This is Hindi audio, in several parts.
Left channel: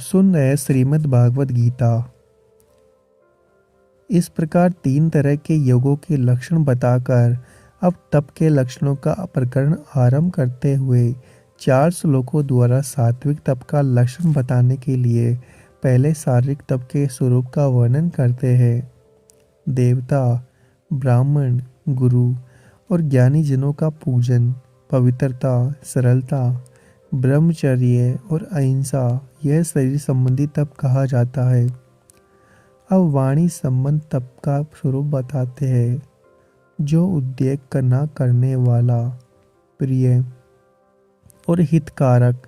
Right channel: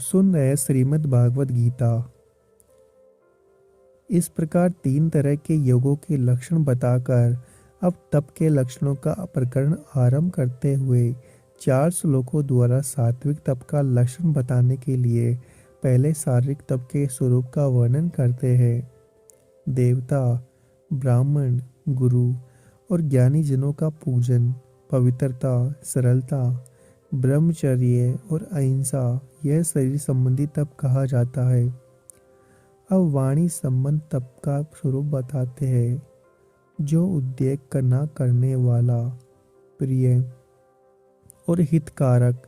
सुन रहे श्रीमद् भागवत गीता। इस प्रकार 3 तरह के योगों के लक्षण बताकर अब तप के लक्षणों का प्रकरण आरंभ करते हुए 4 श्लोकों द्वारा सात्विक तप का लक्षण बताने के लिए पहले शारीरिक तप के स्वरूप का वर्णन करते हैं। देवता, ब्राह्मण, गुरु और ज्ञानी जनों का पूजन, पवित्रता, सरलता, ब्रह्मचर्य और अहिंसा, यह शरीर संबंधी तप कहा जाता है। अब वाणी संबंध तप का स्वरूप बताते हैं, जो उद्रेक करना करने वाला, प्रिय और हितकारक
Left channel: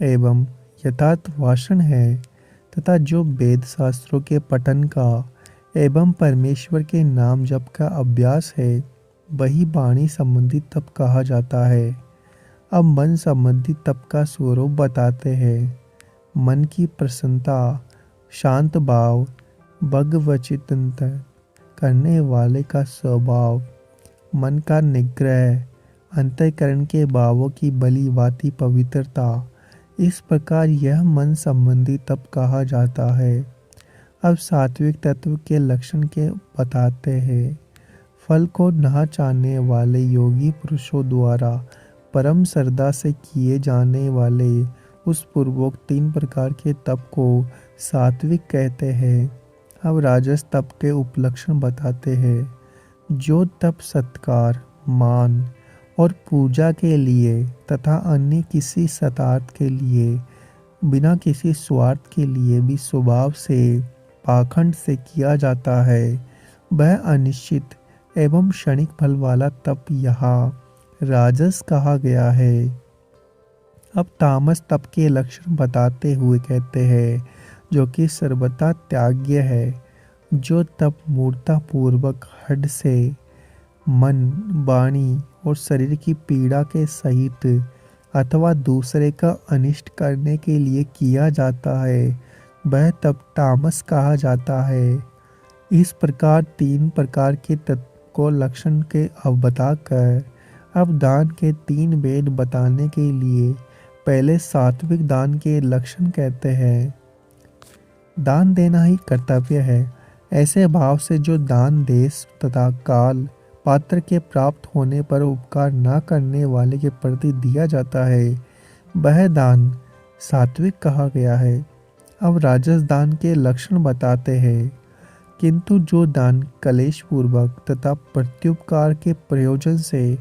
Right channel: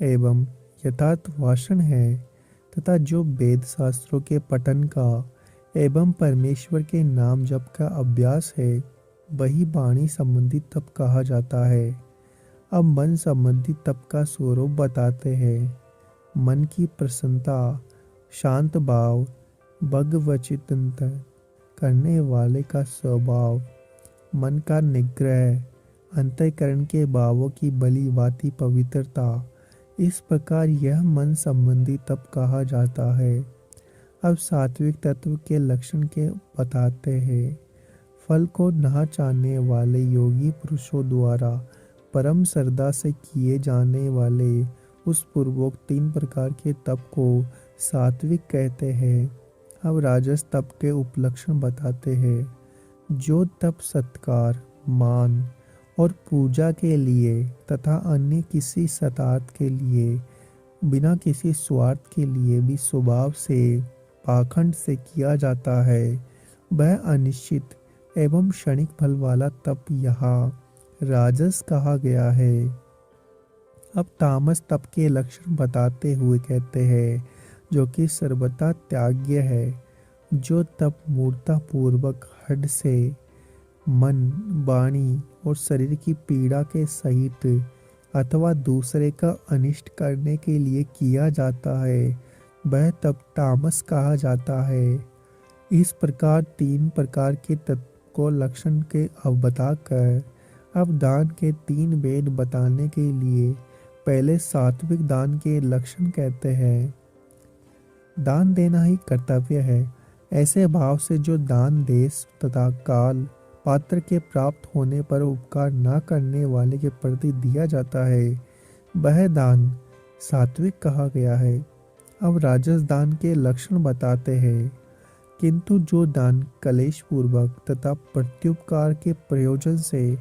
एवं यथार्थ भाषण है, तथा जो वेद शास्त्रों के पठन का एवं परमेश्वर के नाम जप का अभ्यास है, वही वाणी संबंधी तप कहा जाता है। अब मन संबंधी तप का स्वरूप बताते हैं। मन की प्रसन्नता, शांत भाव, भगवचिंतन करने वाले का स्वभाव, मन का निग्रह, अंतःकरण के भावों की भली भांति पवित्रता, इस प्रकार यह मन संबंधी तप कहा जाता है। अब सात्विक तत्व के लक्षण के बताते हैं। फल को न चाहने वाले योगी पुरुषों द्वारा परम श्रद्धा से किए जाने वाले उस पूर्वोक्त 3 प्रकार के तप को सात्विक कहते हैं। अब राजस तप के उपलक्षण बताते हैं। जो तप सत्कार, मान और पूजा के लिए तथा अन्य किसी सतार्थ के लिए, बिना किसी स्वार्थ के लिए भी स्वभाव से, पाखंड से किया जाता है, वह अनिश्चित एवं क्षणिक फल वाला तप यहाँ राजस कहा गया है। अब तामस तप के लक्षण बताते हुए कहते हैं, जो कि सर्वथा त्याग्य है। जो तप मूर्ता पूर्वक हठ से मन, वाणी और शरीर की पीड़ा के सहित अथवा दूसरे का अनिष्ट करने के लिए किया जाता है, वह तप तामस कहा जाता है। इस प्रकार 3 प्रकार के तत्व को लक्षण के अब बताकर अब दान के 3 भेद बताने के लिए पहले सात्विक दान के लक्षण कहते हैं। दान देना ही कर्तव्य है। ऐसे भाव से जो दान देश तथा काल पात्र के प्राप्त होने पर उपकार न करने वाले के प्रति दिया जाता है, वह दान सात्विक कहा गया है। अब राजस दान के लक्षण बताते हैं। किंतु जो दान कलेश पूर्वक तथा प्रत्युपकार के प्रयोजन से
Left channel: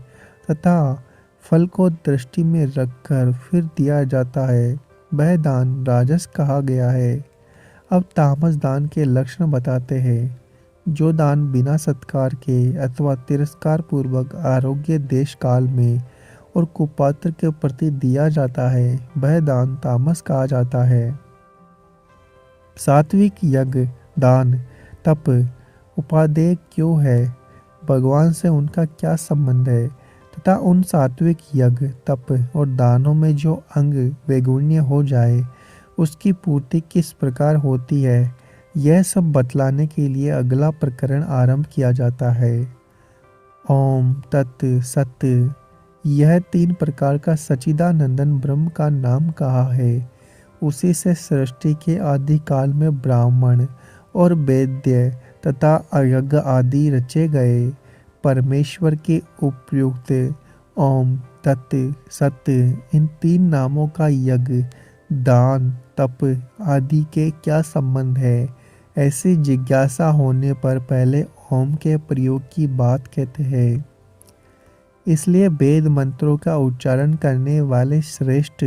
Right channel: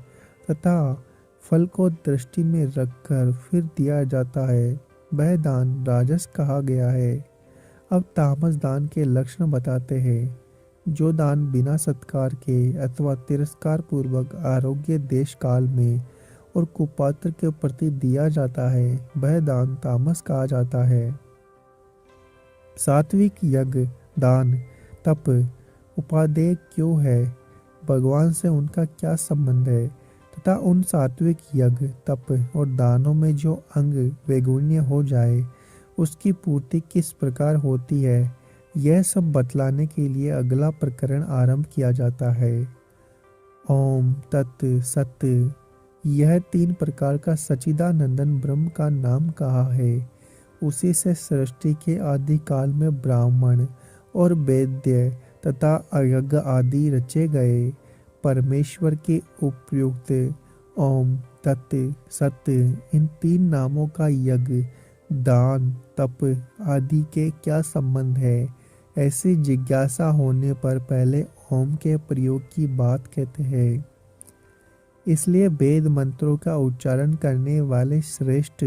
तथा फल को दृष्टि में रखकर फिर दिया जाता है, वह दान राजस कहा गया है। अब तामस दान के लक्षण बताते हैं। जो दान बिना सत्कार के अथवा तिरस्कार पूर्वक आरोग्य देश काल में और कुपात्र के प्रति दिया जाता है, वह दान तामस कहा जाता है। सात्विक यज्ञ, दान, तप उपादेय क्यों है, भगवान से उनका क्या संबंध है, तथा उन सात्विक यज्ञ, तप और दानों में जो अंग वैगुण्य हो जाए, उसकी पूर्ति किस प्रकार होती है, यह सब बतलाने के लिए अगला प्रकरण आरंभ किया जाता है। ओम तत् सत, यह 3 प्रकार का सच्चिदानंदन ब्रह्म का नाम कहा है। उसी से सृष्टि के आदि काल में ब्राह्मण और वेद्य तथा यज्ञ आदि रचे गए। परमेश्वर के उपयुक्त ओम तत् सत इन 3 नामों का यज्ञ, दान, तप आदि के क्या संबंध है, ऐसी जिज्ञासा होने पर पहले ओम के प्रयोग की बात कहते हैं। इसलिए वेद मंत्रों का उच्चारण करने वाले श्रेष्ठ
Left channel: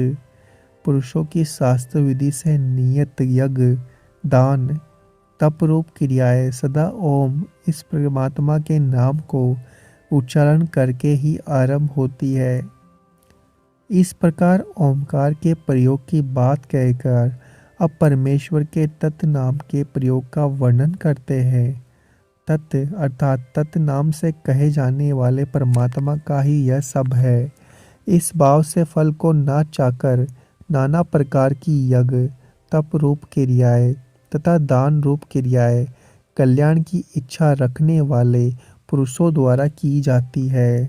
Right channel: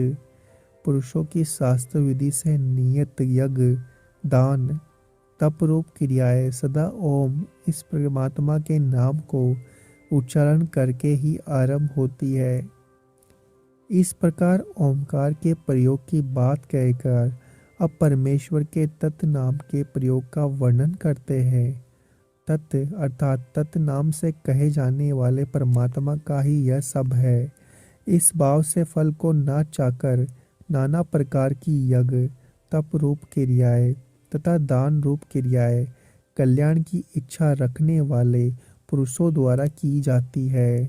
पुरुषों की शास्त्र विधि से नियत यज्ञ, दान, तप रूप क्रियाएं सदा ओम इस परमात्मा के नाम को उच्चारण करके ही आरंभ होती है। इस प्रकार ओमकार के प्रयोग की बात कहकर अब परमेश्वर के तत् नाम के प्रयोग का वर्णन करते हैं। तत् अर्थात तत् नाम से कहे जाने वाले परमात्मा का ही यह सब है। इस भाव से फल को ना चाहकर नाना प्रकार की यज्ञ, तप रूप क्रियाएं तथा दान रूप क्रियाएं कल्याण की इच्छा रखने वाले पुरुषों द्वारा की जाती है।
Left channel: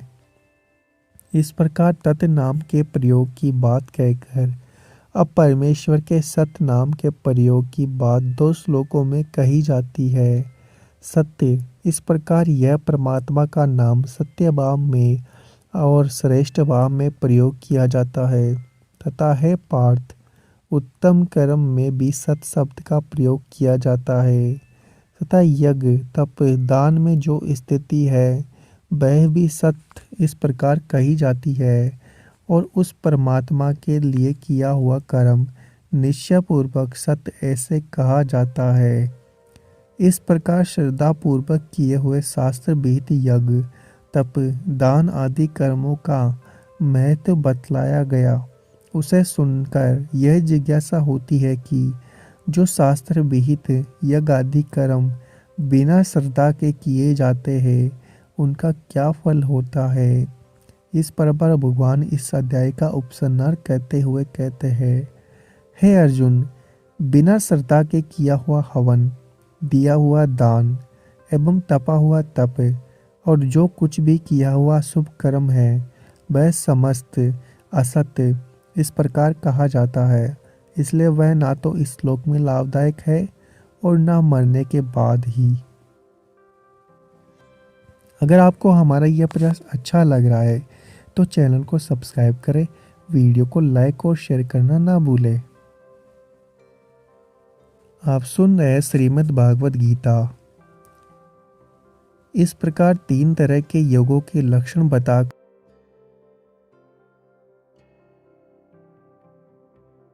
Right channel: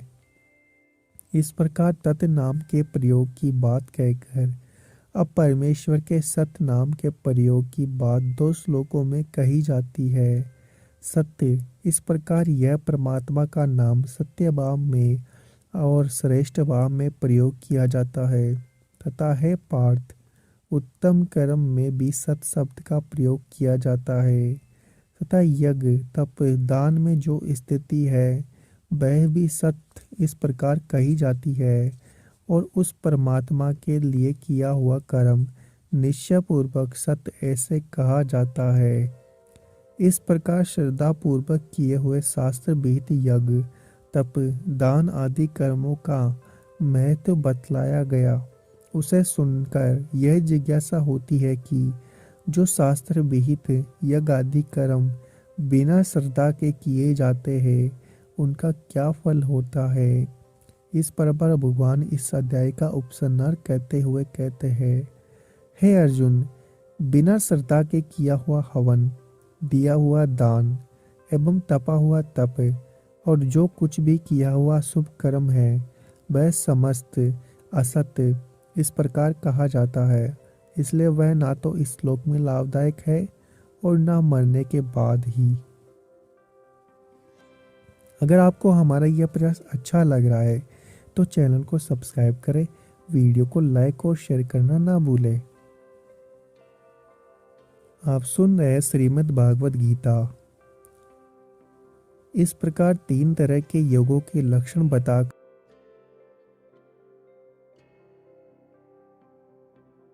इस प्रकार तत् नाम के प्रयोग की बात कहकर अब परमेश्वर के सत्य नाम के प्रयोग की बात 2 श्लोकों में कही जाती है। सत्य, इस प्रकार यह परमात्मा का नाम सत्य भाव में और श्रेष्ठ भाव में प्रयोग किया जाता है तथा है पार्थ, उत्तम कर्म में भी सत्य शब्द का प्रयोग किया जाता है तथा यज्ञ तप दान में जो स्थिति है वह भी सत्य इस प्रकार कही जाती है और उस परमात्मा के लिए किया हुआ कर्म निश्चयपूर्वक सत्य ऐसे कहा जाता है। इस प्रकार श्रद्धा पूर्वक किए हुए शास्त्र विहित यज्ञ तप दान आदि कर्मों का महत्व बतलाया गया। उसे सुनकर यह जिज्ञासा होती है कि जो शास्त्र विहित यज्ञ आदि कर्म बिना श्रद्धा के किए जाते हैं उनका क्या फल होता है। इस पर भगवान इस अध्याय का उपसंहार करते हुए कहते हैं, हे अर्जुन, बिना श्रद्धा के किया हुआ हवन, दिया हुआ दान एवं तपा हुआ तप और जो कुछ भी किया हुआ शुभ कर्म है वह समस्त असत्य इस प्रकार कहा जाता है। इसलिए वह ना तो इस श्लोक में लाभदायक है और ना मरने के बाद ही। अगर आपको हमारा यह प्रयास अच्छा लग रहा है तो चैनल को सब्सक्राइब करें, वीडियो को लाइक और शेयर करना ना भूलें। आप सुन रहे हैं श्रीमद् भागवत गीता। इस प्रकार 3 तरह के योगों के लक्षण बताकर